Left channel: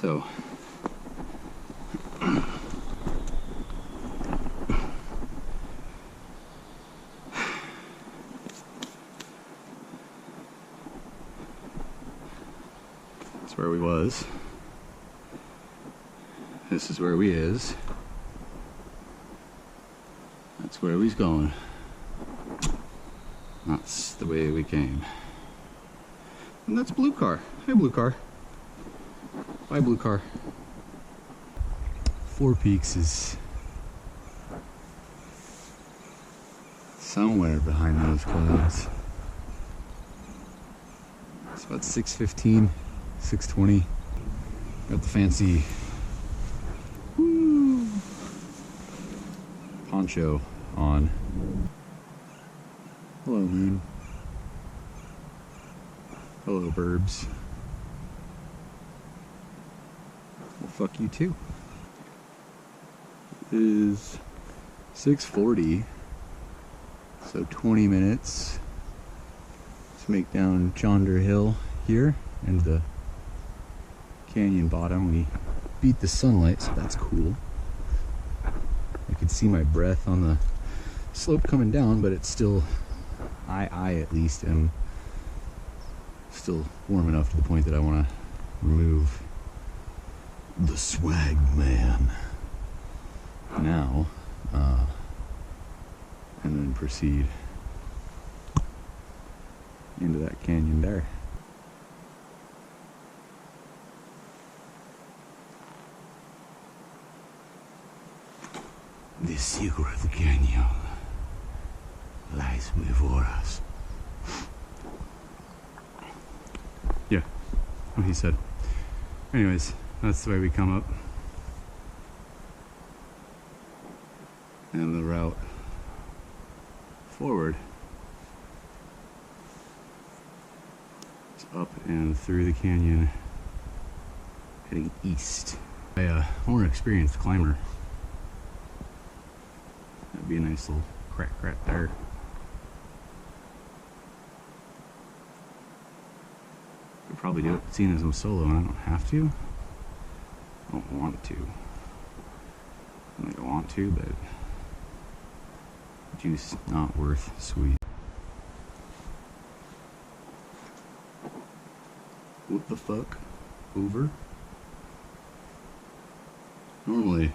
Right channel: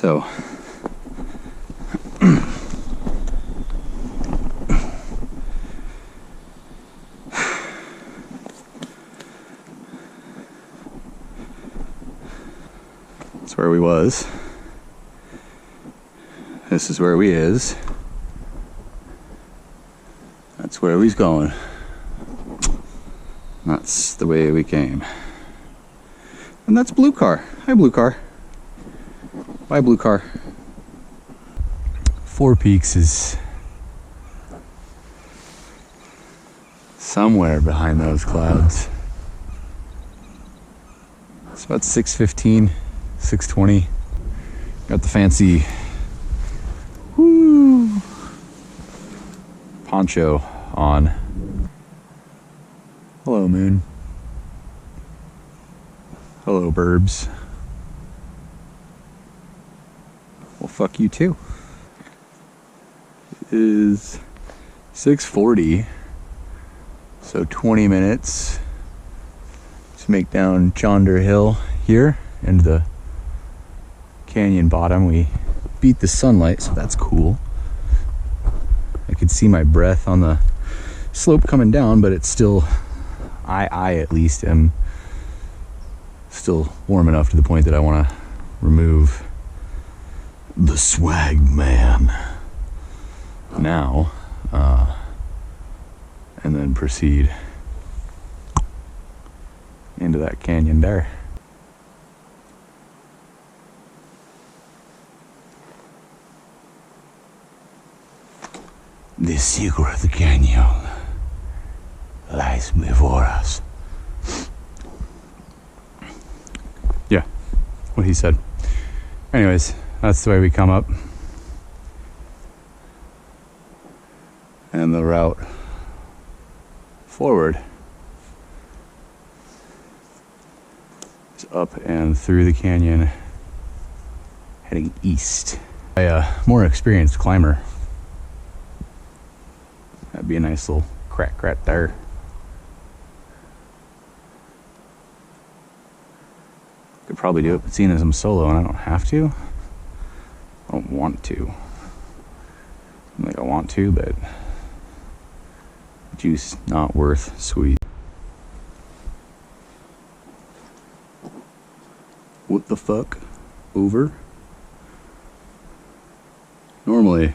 So that's where we was. This is where we is. That's where we's going. That's the way we came. And that's Blue Car. Hi, Blue Car. Bye, Blue Car. Four Peaks is somewhere behind those clouds. It's about 6:15, 6:20. Got the fancy poncho on. Hello, moon. Hello, burbs. Well, fuck you too. It is 6:40, so 20 minutes to make down Chonder Hill here into the canyon bottom. We beat the sunlight, so that's cool. I could see my breath on the slope coming down, but it's still, I at least am still warm enough to the point that I want to remove the swag man now, and then proceed into that canyon there. The secret of the canyon lies before us. Yeah, what he said. Anyways, that's the way we come up. And the route forward is up and through the canyon, heading east. A more experienced climber. That'd be a nice little crack right there. Could probably do it, but seeing as I'm solo and I don't have to, I don't want to. Like I want to, but juice not worth sweet. What the fuck? Over? Normally,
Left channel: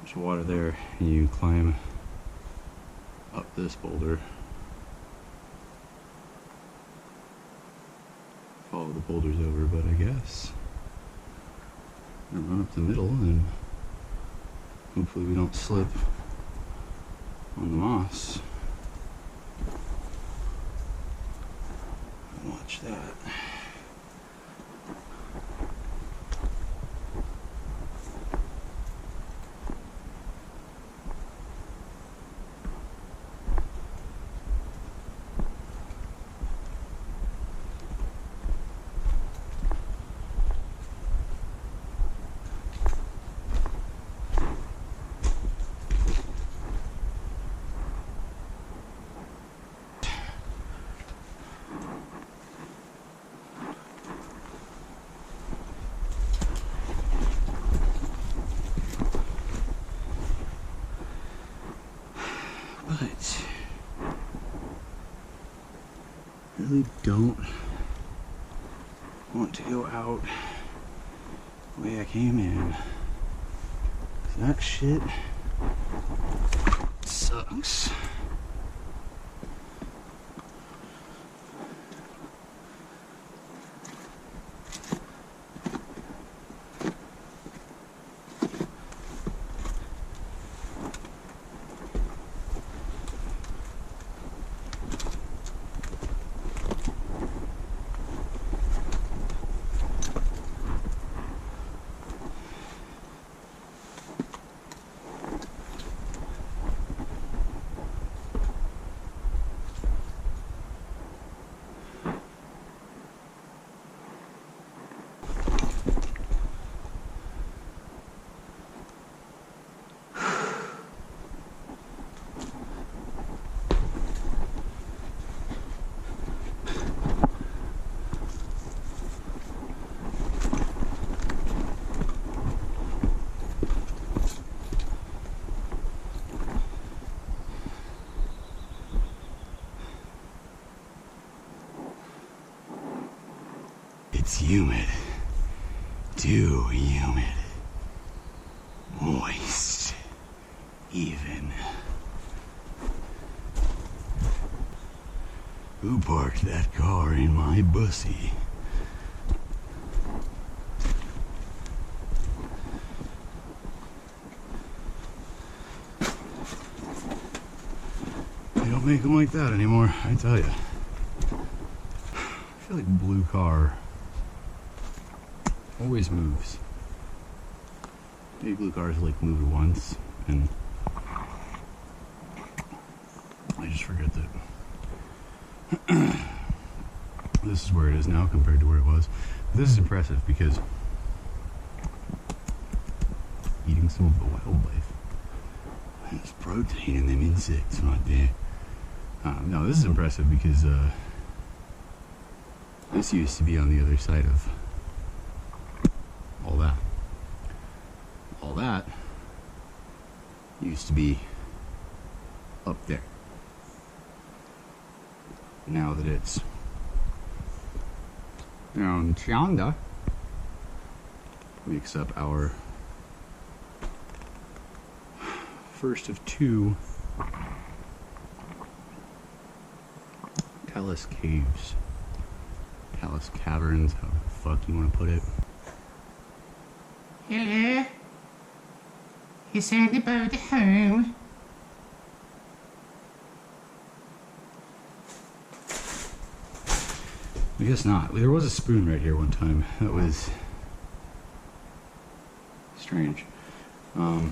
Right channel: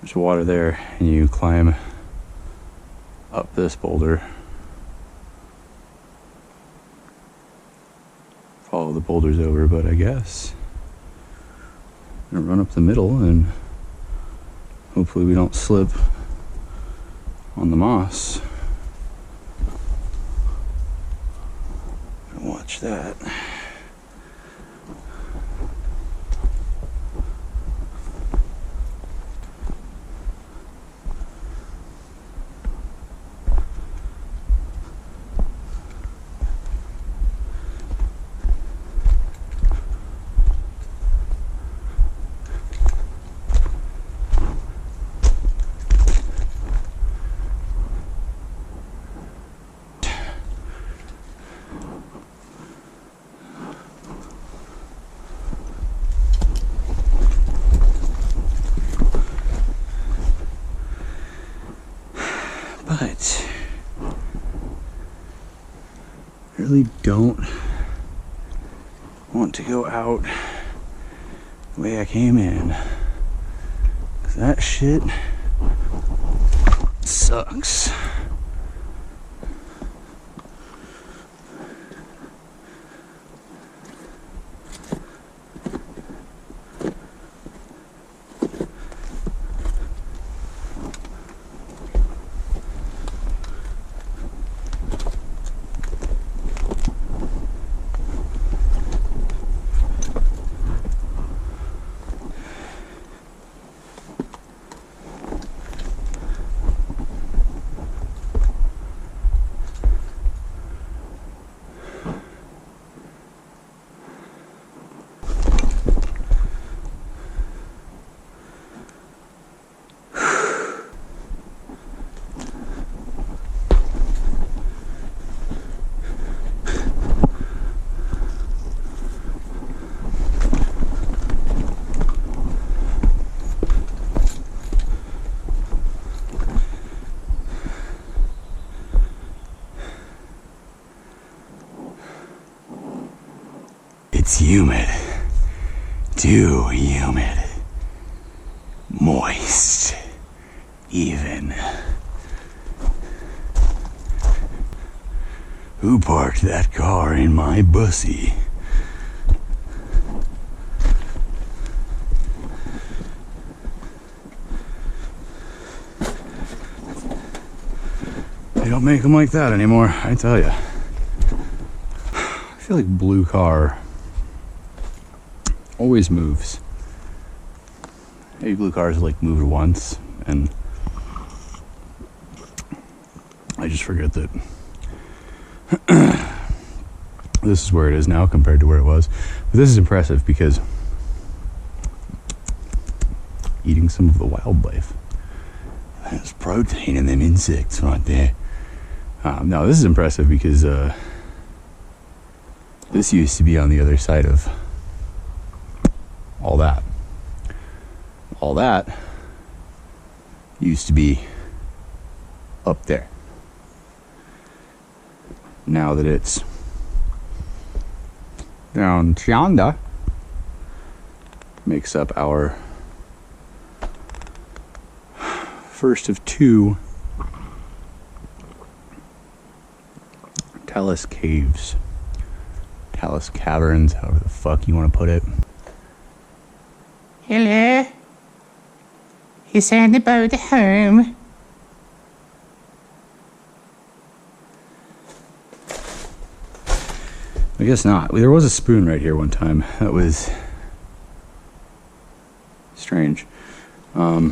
there's water there, and you climb up this boulder, follow the boulders over, but I guess I'm gonna run up the middle and hopefully we don't slip on the moss. Watch that. But I really don't want to go out the way I came in, 'cause that shit sucks. It's humid. Too humid. Moist. Even. Who parked that car in my bussy? They don't make them like that anymore, I tell you. I feel like blue car always moves. Maybe blue cars like moved once, and I just forget that this is where it is now compared to where it was. But this is impressive because eating some of the wildlife. There's protein in them insects right there. No, this is impressive because this used to be on the other side of all that. All that used to be up there. Now that it's down yonder, makes up our first of two talis caves, talis caverns, however the fuck you want to put it. Hello? Is anybody home? I guess not. There was a spoon right here one time. That was strange. I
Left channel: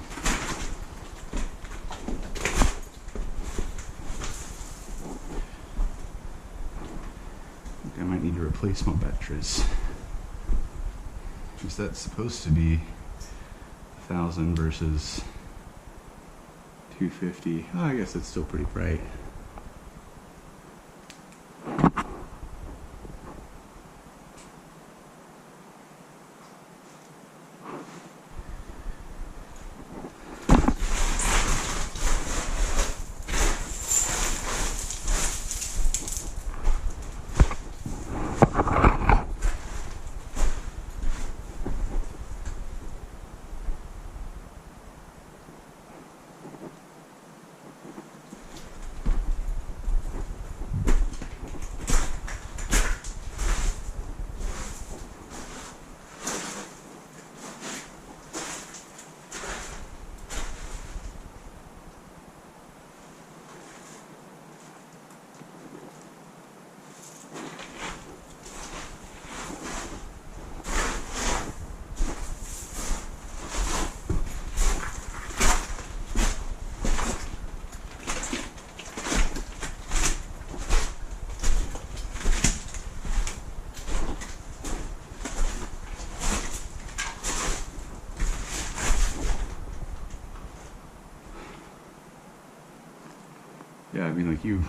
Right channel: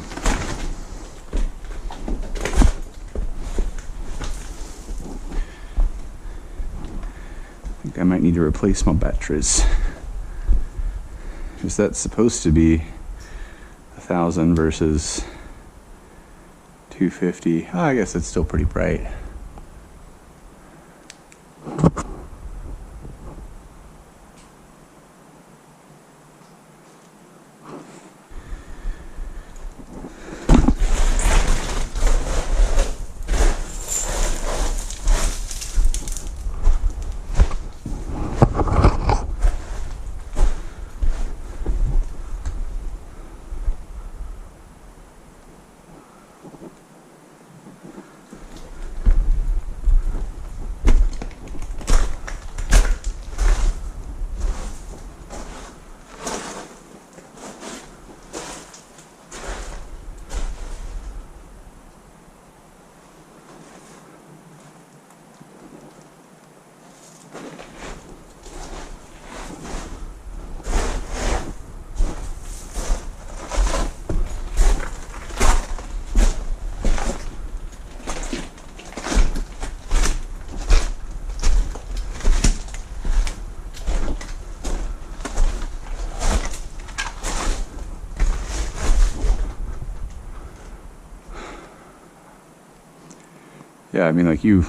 think I might need to replace my batteries. Is that supposed to be 1,000 versus 250? Oh, I guess it's still pretty bright. Yeah, I mean, like you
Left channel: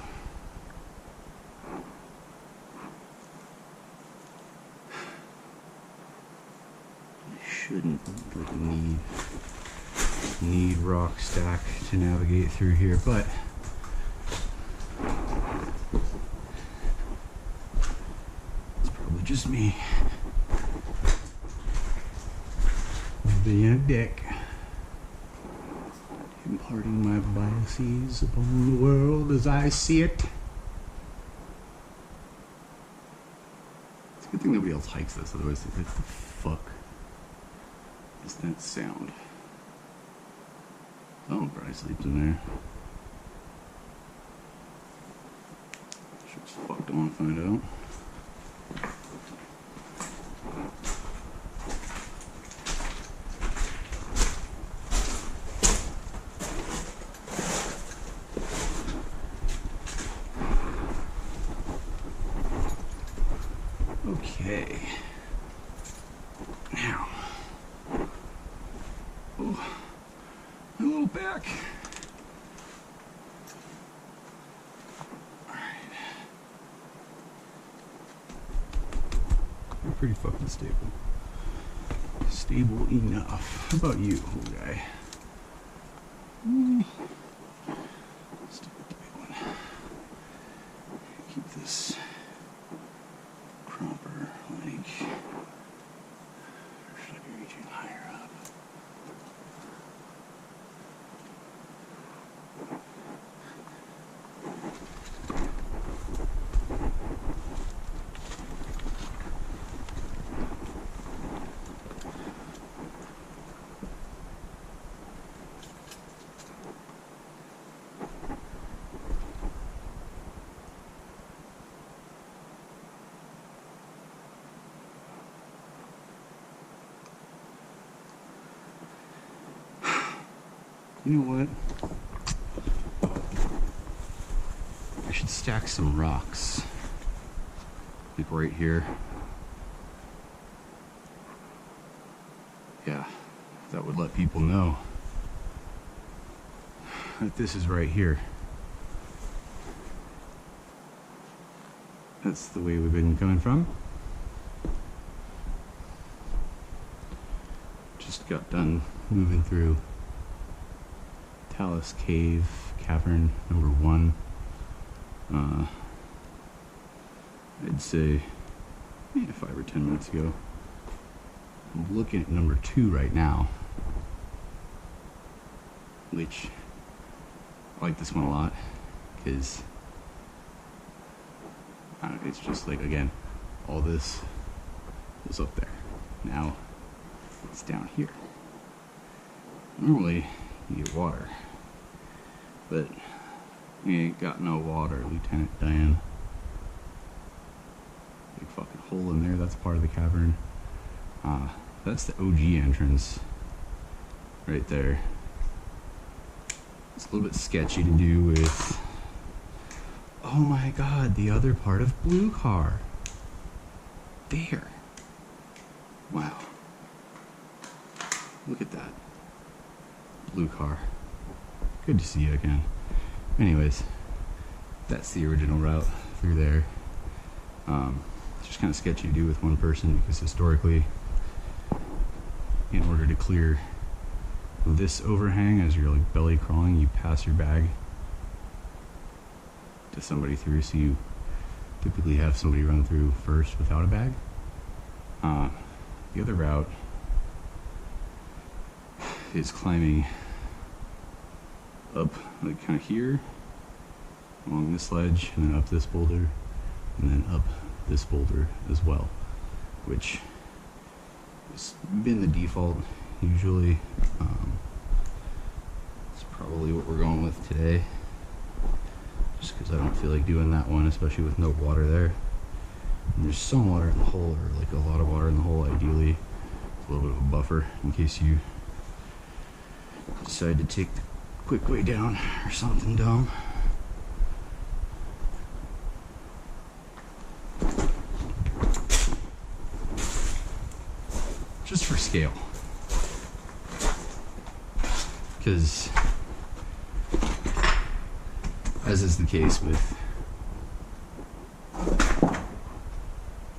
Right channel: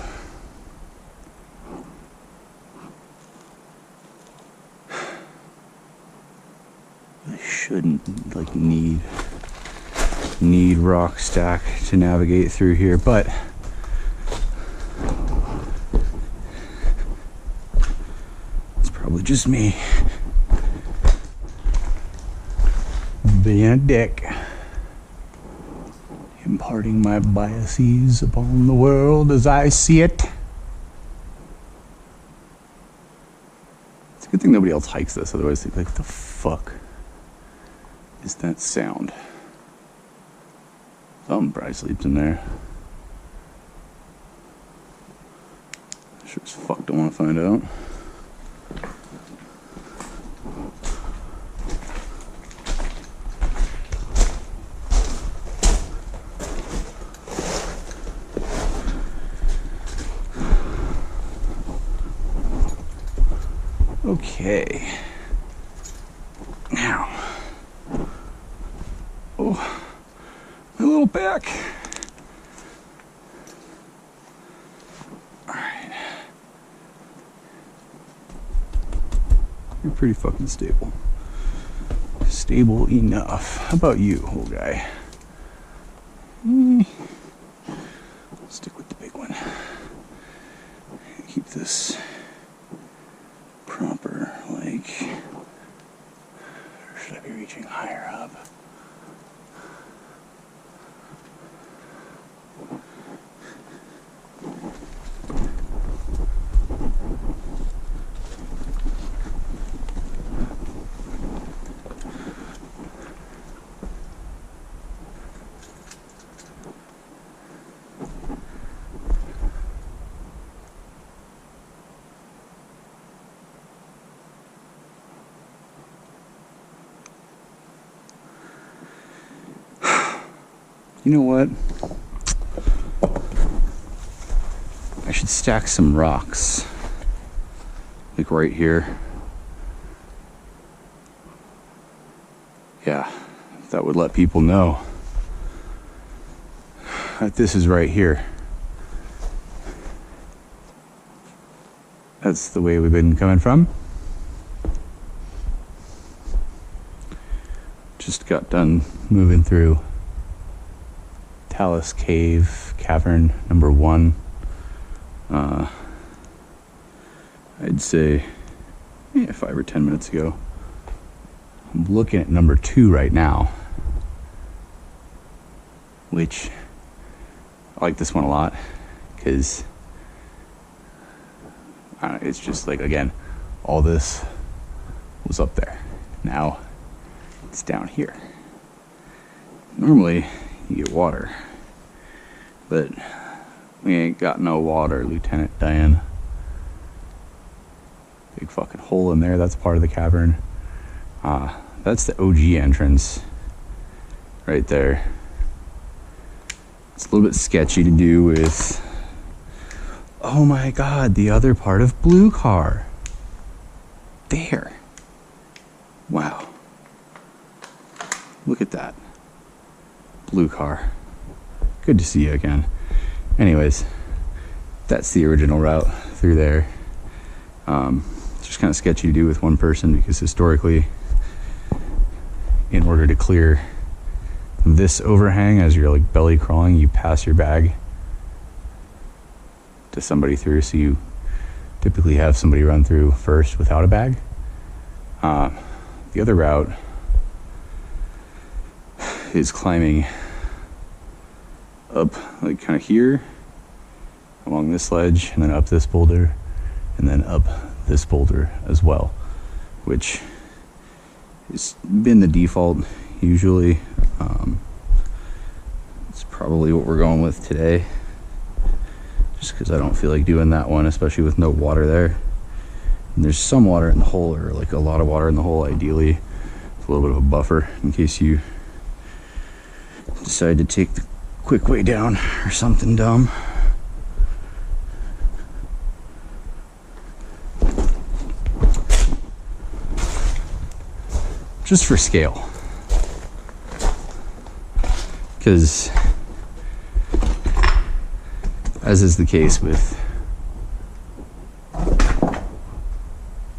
shouldn't like need rock stack to navigate through here, but it's probably just me being a dick, imparting my biases upon the world as I see it. It's a good thing nobody else hikes this, otherwise they'd be like, what the fuck is that sound? Something probably sleeps in there. Sure as fuck don't want to find out. Okay. Now. Oh, my little back. All right. You're pretty fucking stable. Stable enough. How about you, old guy? Stick with the big one. Keep this proper, like You know what? I should stack some rocks. Like right here. Yeah, that would let people know that this is right here. That's the way we've been coming from. Just got done moving through Talis cavern number 1. I'd say 5 or 10 minutes ago. I'm looking at number 2 right now, which I like this one a lot because it's just like, again, all this was up there. Now it's down here. Normally you get water, but we ain't got no water, Lieutenant Dan. Big fucking hole in there. That's part of the cavern. That's the OG entrance right there. It's a little bit sketchy to do with, oh my god, the other part of Blue Car. There. Wow. Look at that. Blue Car. Good to see you again. Anyways, that's the original route through there. It's just kind of sketchy to do with one person because historically, in order to clear this overhang as you're like belly crawling, you pass your bag to somebody through, so you typically have somebody run through first without a bag. The other route is climbing up like kind of here along this ledge and then up this boulder and then up this boulder as well, which has been the default usually. It's probably what we're going with today, just because I don't feel like doing that one, especially with no water there. And there's some water in the hole, or like a lot of water in the hole. Ideally, it's a little bit of a buffer in case you decide to take the quick way down or something dumb. Just for scale, because as is the case with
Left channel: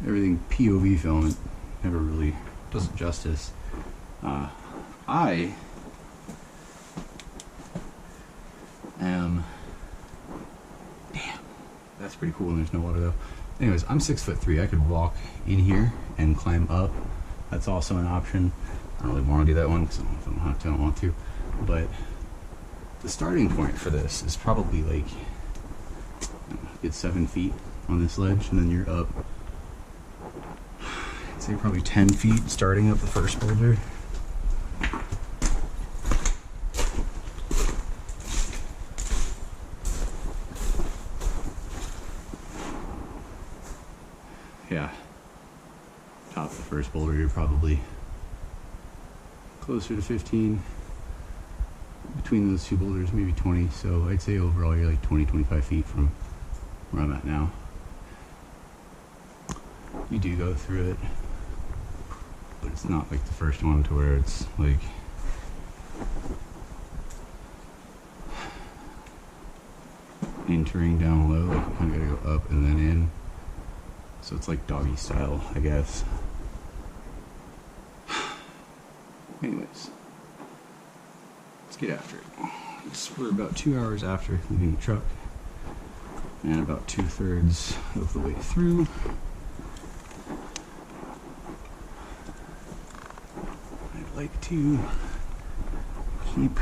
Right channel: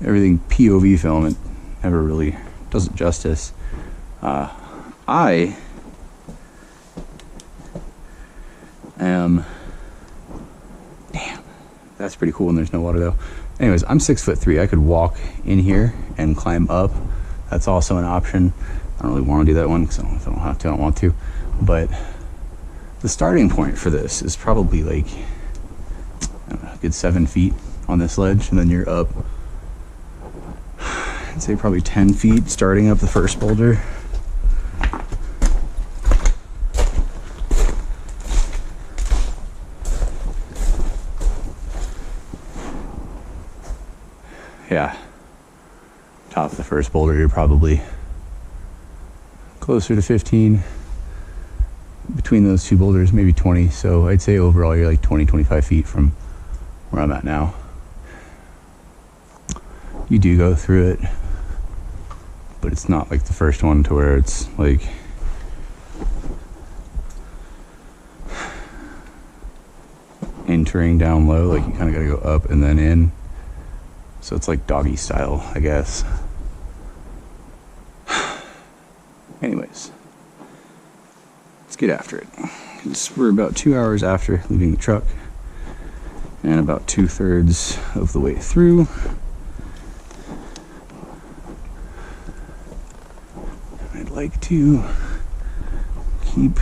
everything POV film, it never really does it justice. I am, damn, that's pretty cool when there's no water though. Anyways, I'm 6'3". I could walk in here and climb up. That's also an option. I don't really want to do that one because if I don't have to, I don't want to. But the starting point for this is probably like, I don't know, a good 7 feet on this ledge, and then you're up, I'd say probably 10 feet starting up the first boulder. Yeah. Top of the first boulder, you're probably closer to 15. Between those two boulders, maybe 20. So I'd say overall you're like 20, 25 feet from where I'm at now. You do go through it, but it's not like the first one to where it's like entering down low. Like you kind of got to go up and then in. So it's like doggy style, I guess. Anyways, let's get after it. We're about 2 hours after leaving the truck and about 2/3 of the way through. I'd like to keep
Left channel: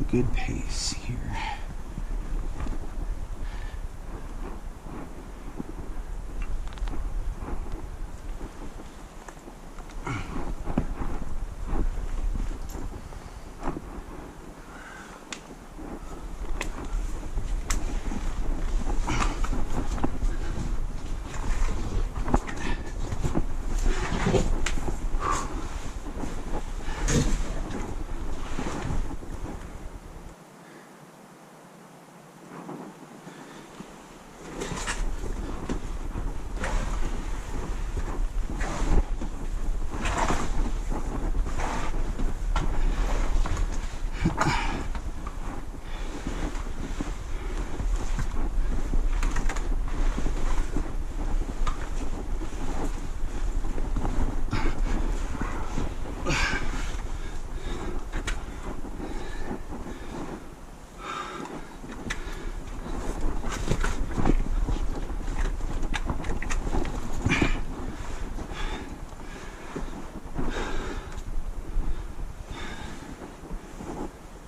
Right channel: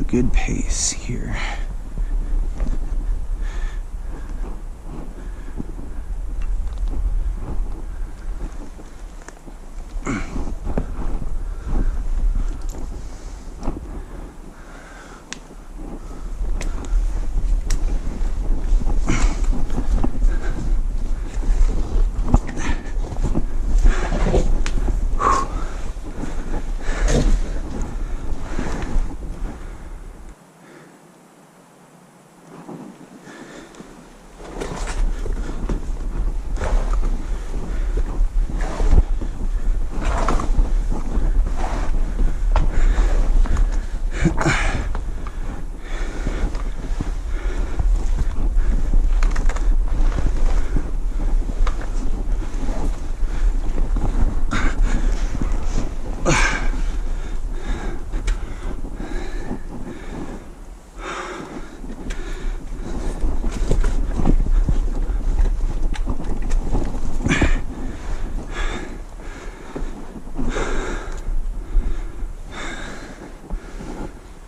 a good pace here.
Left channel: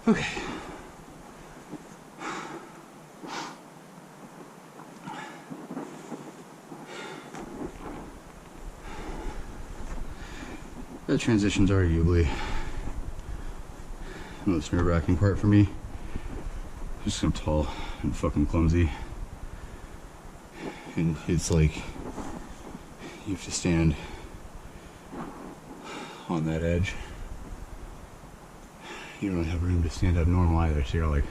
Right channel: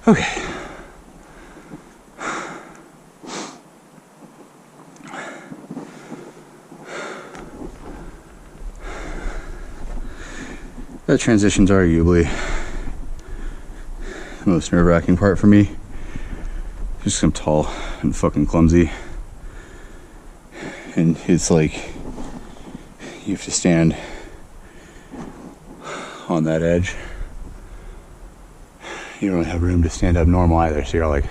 Okay. That transition's arguably the most nerve-wracking part for me. Just 'cause I'm tall and fucking clumsy. And it's like you have to stand on that edge. You don't really have room to stand up normal either, so you're like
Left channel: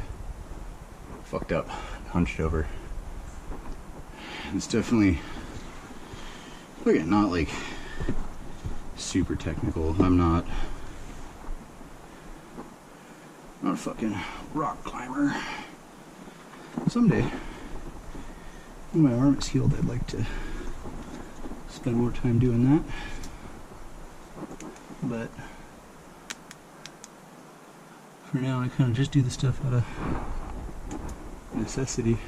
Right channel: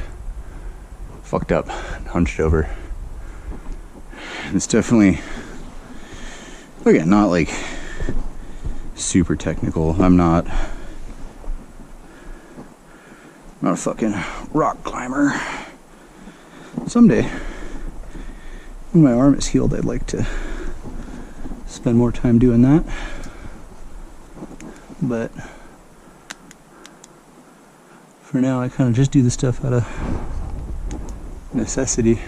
fucked up, hunched over. And it's definitely, again, not like super technical. I'm not a fucking rock climber. Someday, when my arm is healed, I'd like to spend more time doing that. But for now, I kind of just do the stuff out of necessity.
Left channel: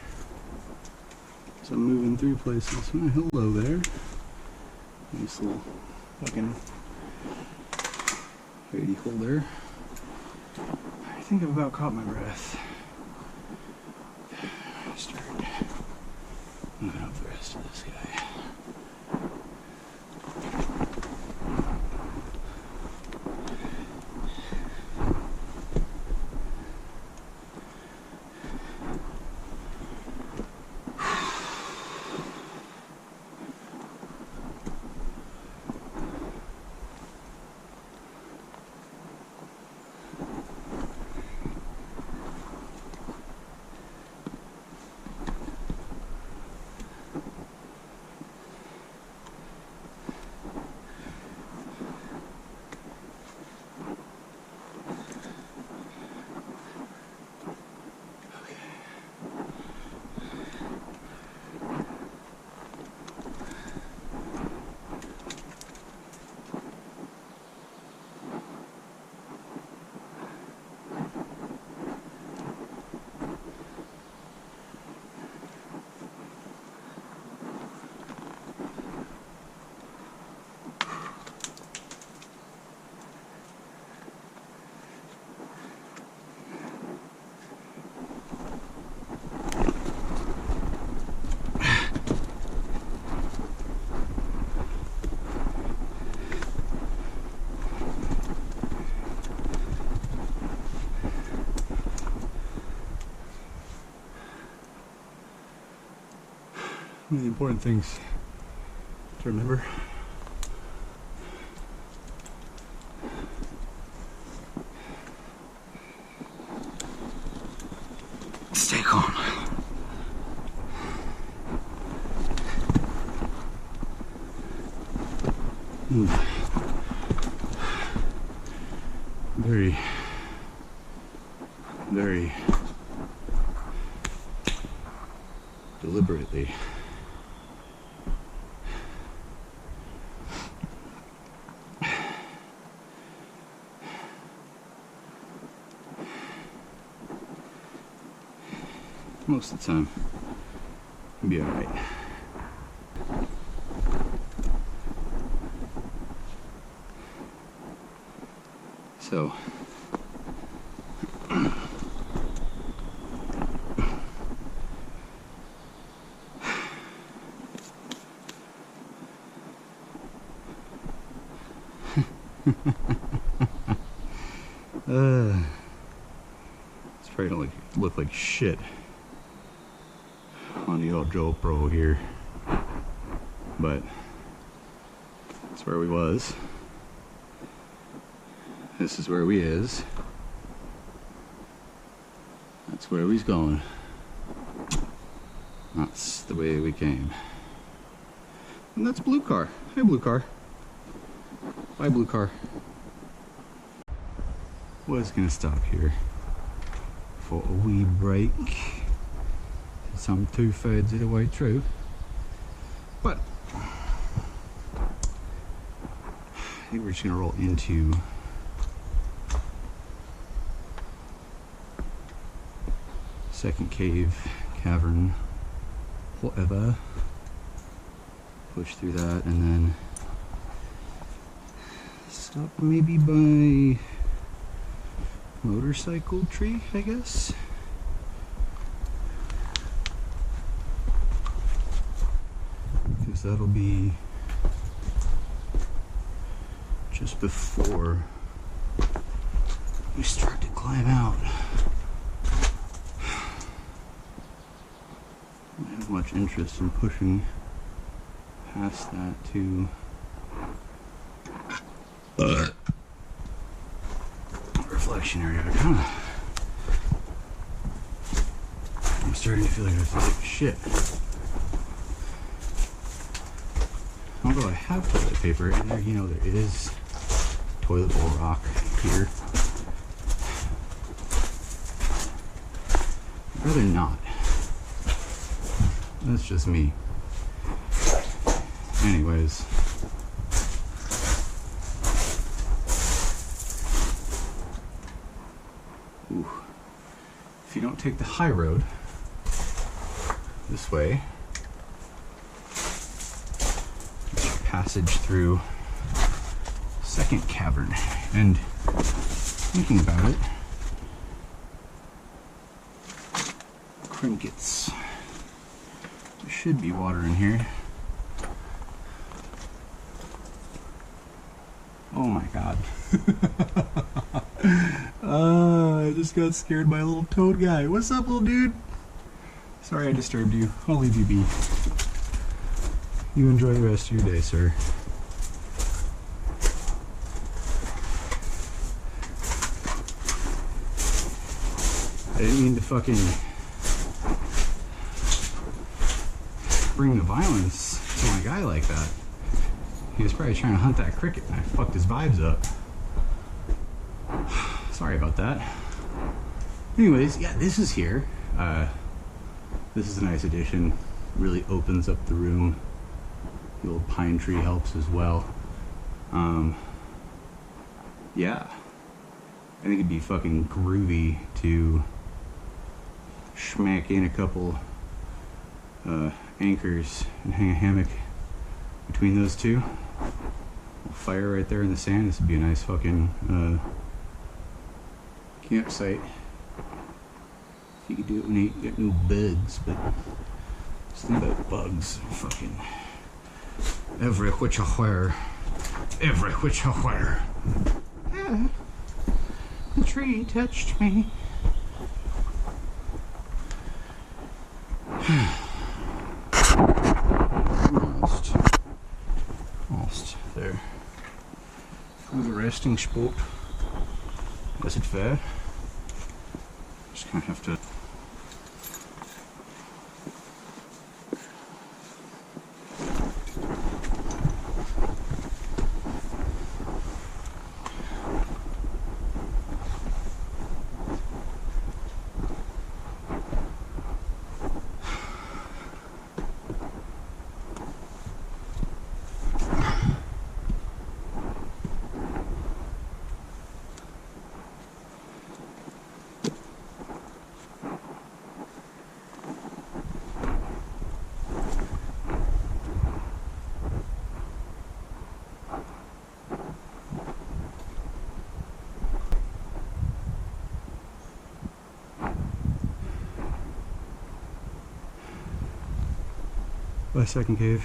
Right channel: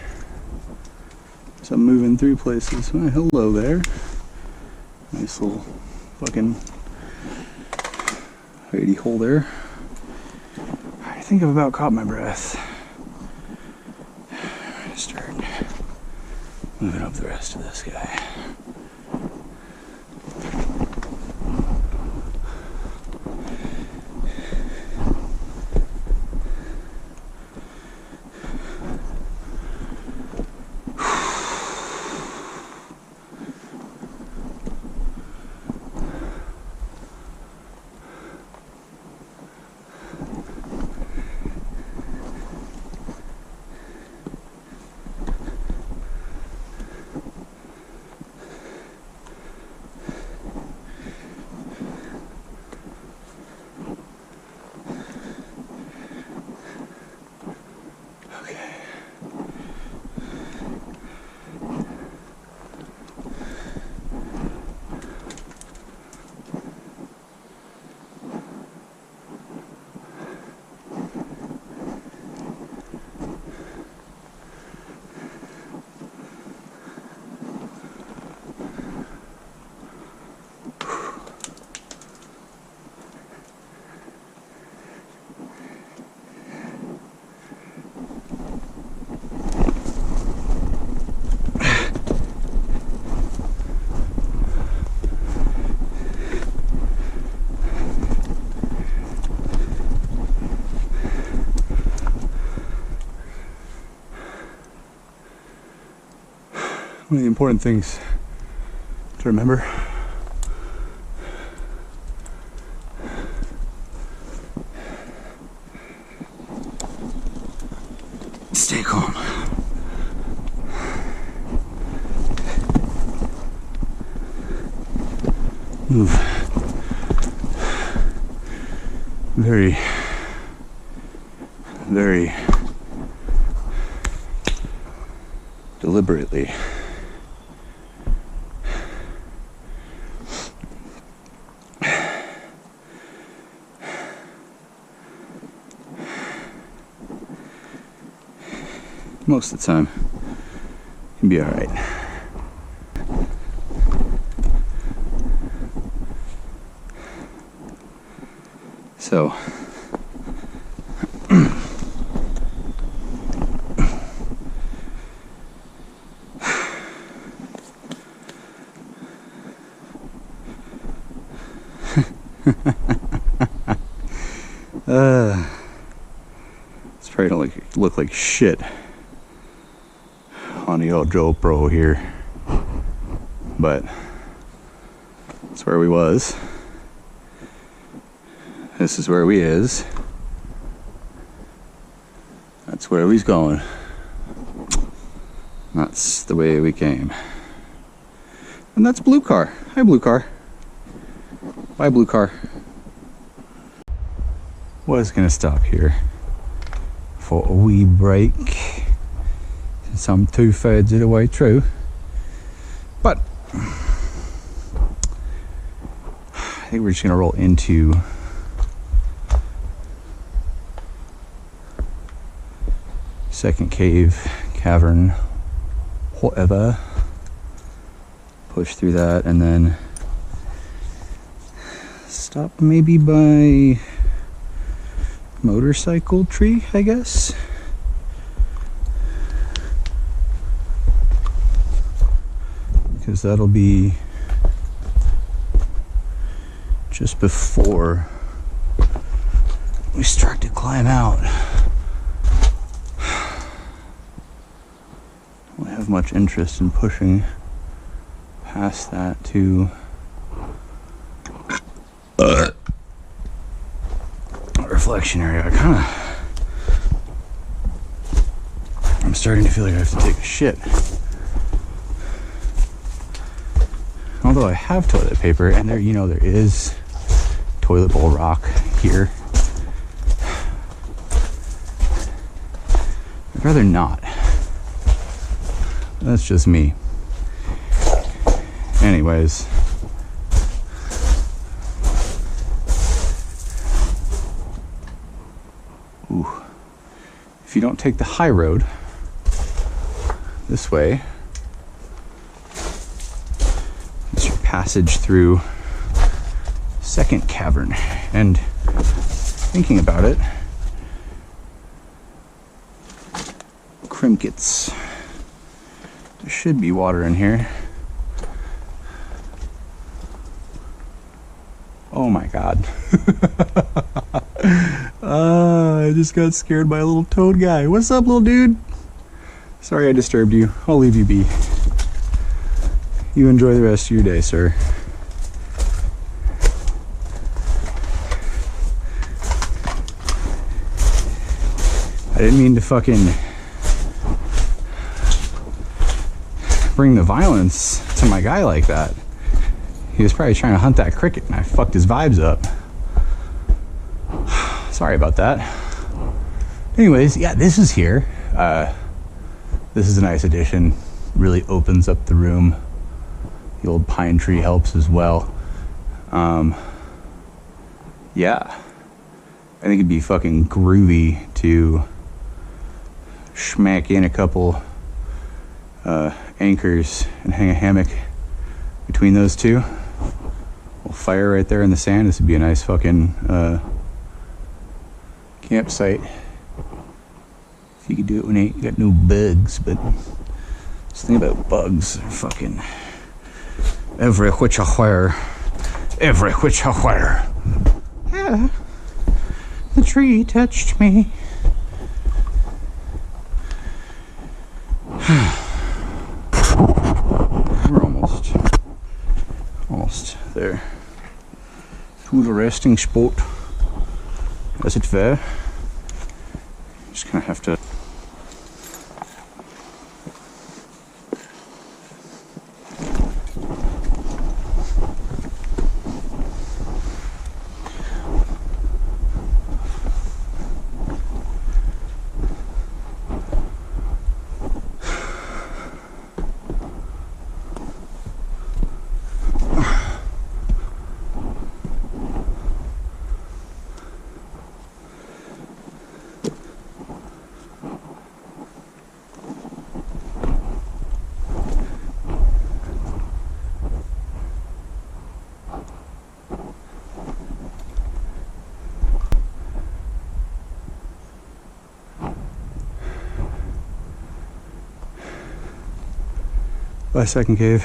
So I'm moving through places. Oh, hello there. Nice little fucking hidey hole there. I think I've about caught my breath. Start moving up the rest of this guy. One of the important things to remember stay calm. Move very, very deliberately. Most of the time, you'll be all right. So, it's probably don't look like shit on the old GoPro here, but that's where we was. This is where we is. That's where we's going. That's the way we came. And that's Blue Car. Hi, Blue Car. Bye, Blue Car. Was gonna stop here for a wee break. Since I'm 2/3 of the way through. But I think we're just gonna roll into second cave, cavern, whatever. Push through that and then stop maybe by motorcycle tree, I guess. Because that'll be just before we start to climb out. I don't have much interest in pushing past that to reflection area. I'm starting to feel like I have to take a shit. Although I have toilet paper, and there is toilet bowl rock here. I'd rather not. That's just me. Anyways. Ooh. If you don't take the high road this way, it's your passage through second cavern. And thinking about it, crinkets. There should be water in here. Oh my god. I just got scared by a little toad guy. What's up, little dude? Sorry I disturbed you. I'll leave you be. You enjoy the rest of your day, sir. I didn't mean to fucking bring the violence to my guy like that. He was probably trying to hunt that cricket and I fucked his vibes up. Sorry about that. Anyways, yeah, this is here. This is a nice addition. Really opens up the room. The old pine tree helps as well. Yeah. I think it'd be fucking groovy to smack in a couple anchors and hang a hammock between those two. Fire right there in the sand. This would be a nice fucking campsite. If you could do it when you ain't got no bugs, but just think about bugs. They're fucking every which a where. Every which a where. Yeah. The tree touched me. We're almost there. To the resting spot, as it were. Just kind of have to. By second cave.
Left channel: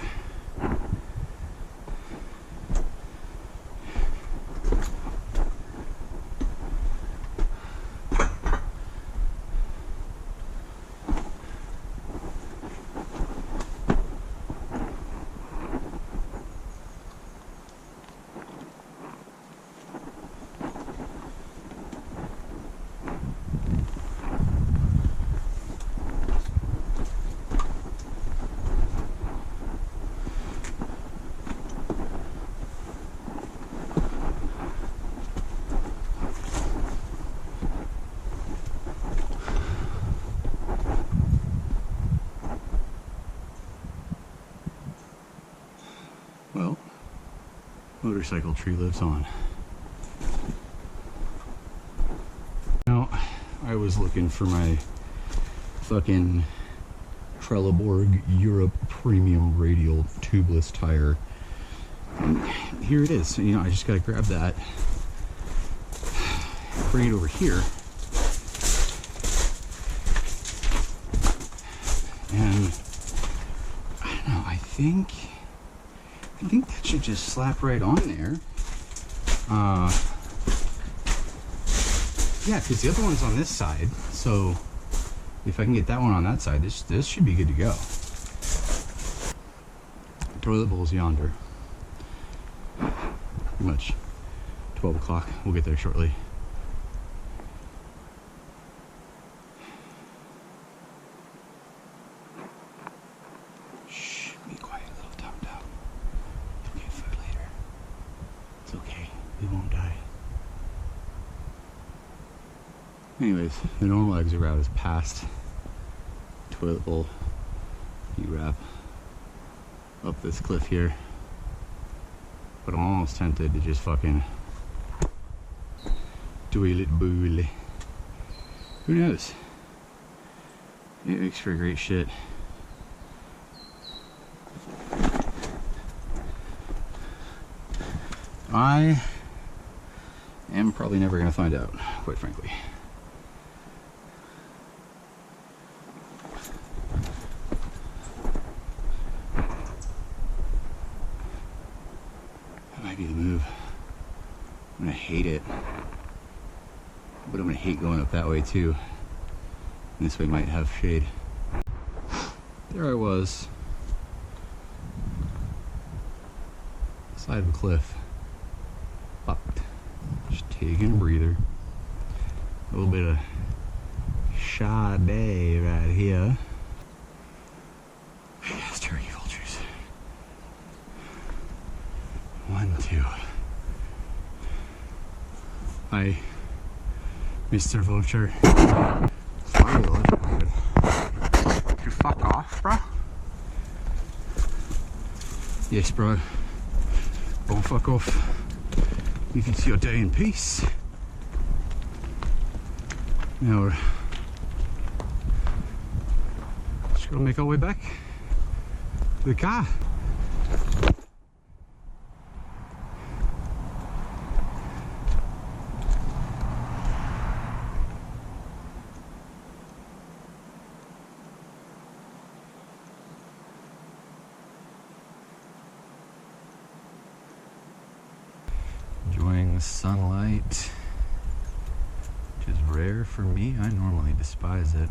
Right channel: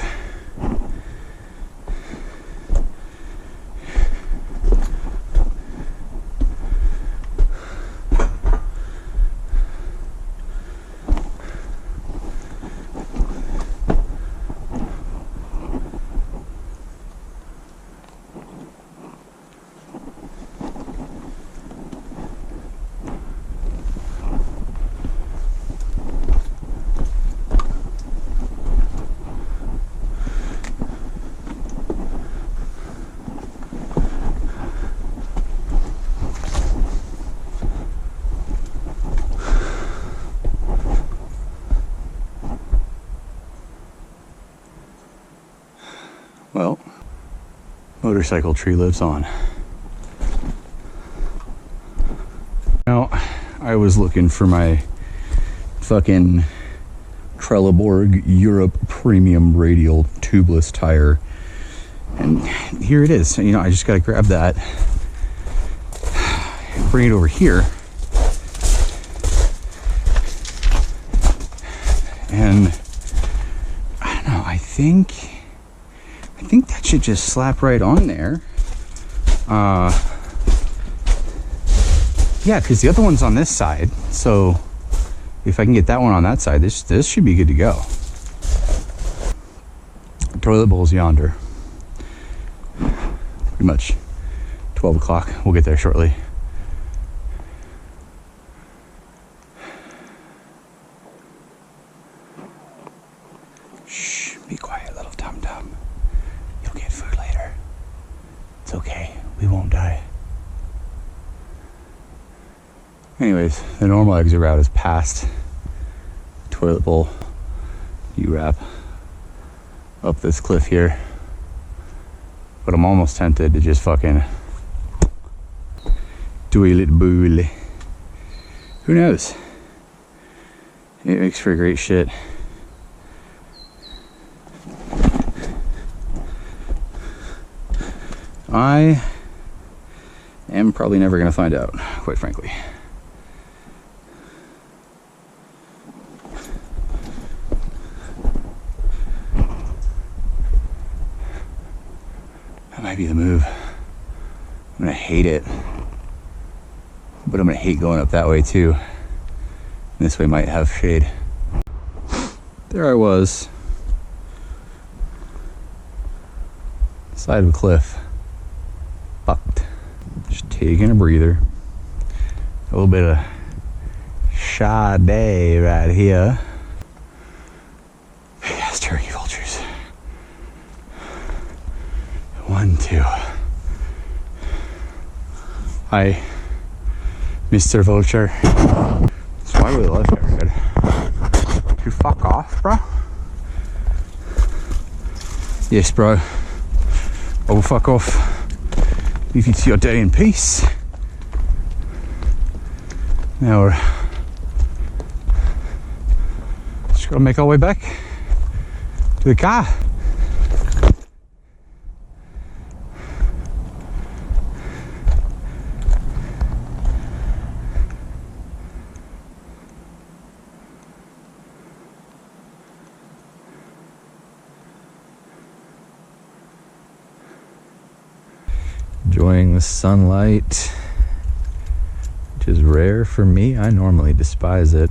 Well, motorcycle tree lives on. Now, I was looking for my fucking Trelleborg Europe Premium Radial tubeless tire, and here it is. I just gotta grab that, bring it over here. And I don't know, I think that should just slap right on there. Yeah, because the other one's on this side. So if I can get that one on that side, this should be good to go. Toilet bowl's yonder. Pretty much 12 o'clock. We'll get there shortly. Shh, be quiet, little tum-tum. You'll get food later. It's okay, we won't die. Anyways, the normal exit route is past toilet bowl. You wrap up this cliff here. But I'm almost tempted to just fucking toilet bowl. Who knows? It makes for great shit. I am probably never gonna find out, quite frankly. That might be the move. I'm gonna hate it, but I'm gonna hate going up that way too. This way might have shade. There I was, side of a cliff, fucked. Just taking a breather. A little bit of Sade right here. Yes, turkey vultures. 1, 2. Hi, Mr. Vulture. So why would I left that red? You fuck off, bro? Yes, bro. I will fuck off. You can see your day in peace. Now we're just gotta make our way back to the car. Enjoying the sunlight, which is rare for me. I normally despise it,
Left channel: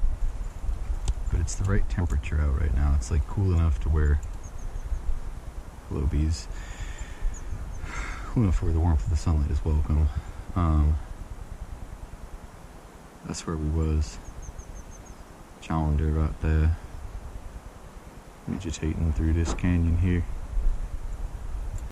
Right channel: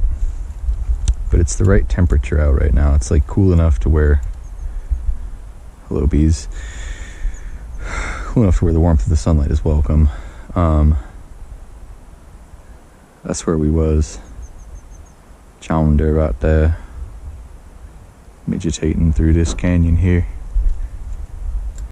but it's the right temperature out right now. It's like cool enough to where, hello bees, cool enough to where the warmth of the sunlight is welcome. That's where we was, yonder right there, meditating through this canyon here.